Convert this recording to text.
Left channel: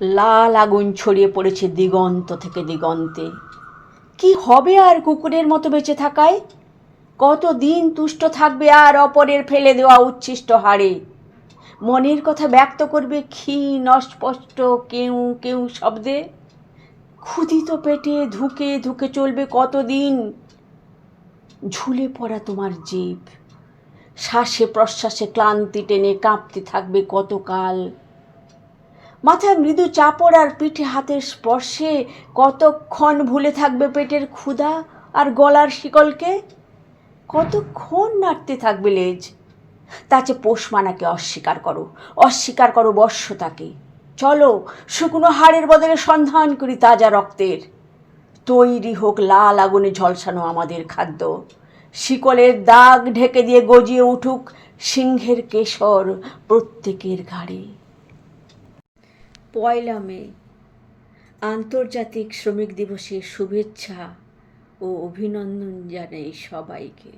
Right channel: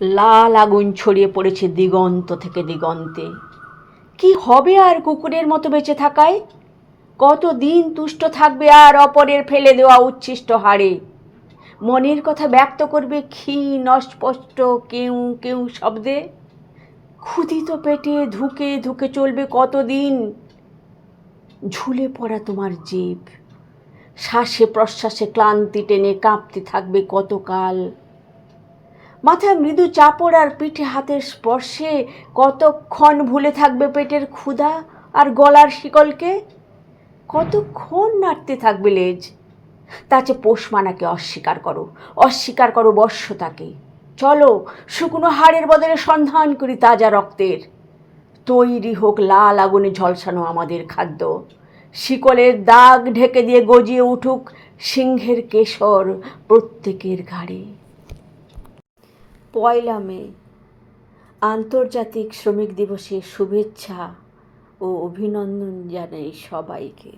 লাল আগুন ছড়িয়ে পড়েছে দিগন্ত থেকে দিগন্তে। কি হবে আর কুকুরের মতো বেঁচে থাকায়? কত দিন তুষ্ট থাকবে আর অপরের ফেলে দেওয়া উচ্ছিষ্ট হাড়ে? মনের কথা ব্যক্ত করবে ক্ষীণ, অস্পষ্ট, কেউ কেউ শব্দে? ক্ষুধিত পেটে ধুকে ধুকে চলবে কতদিন? ঝুলে পড়া তোমার জীব। শ্বাসে প্রশ্বাসে ক্লান্তি টেনে কাঁপতে থাকবে কতকাল? মাথায় মৃদু চাপড় আর পিঠে হাতের স্পর্শে কতক্ষণ ভুলে থাকবে পেটের ক্ষুধা আর গলার শিকলকে? কতক্ষণ নাড়তে থাকবে লেজ? তাছে পোষমানাকে অস্বীকার করো অস্বীকার করো বর্ষতাকে। চলো, শুকনো হাড়ের বদলে সন্ধান করি তাজা রক্তের। তৈরি হোক লাল আগুনে ঝলসানো আমাদের খাদ্য। শিকলের দাগ ঢেকে দিয়ে গজিয়ে উঠুক সিংহের কেশর প্রত্যেকের ঘাড়ে। পয়লা মে আন্তর্জাতিক শ্রমিক দিবসের শুভেচ্ছা ও অভিনন্দন জানাই সবাইকে।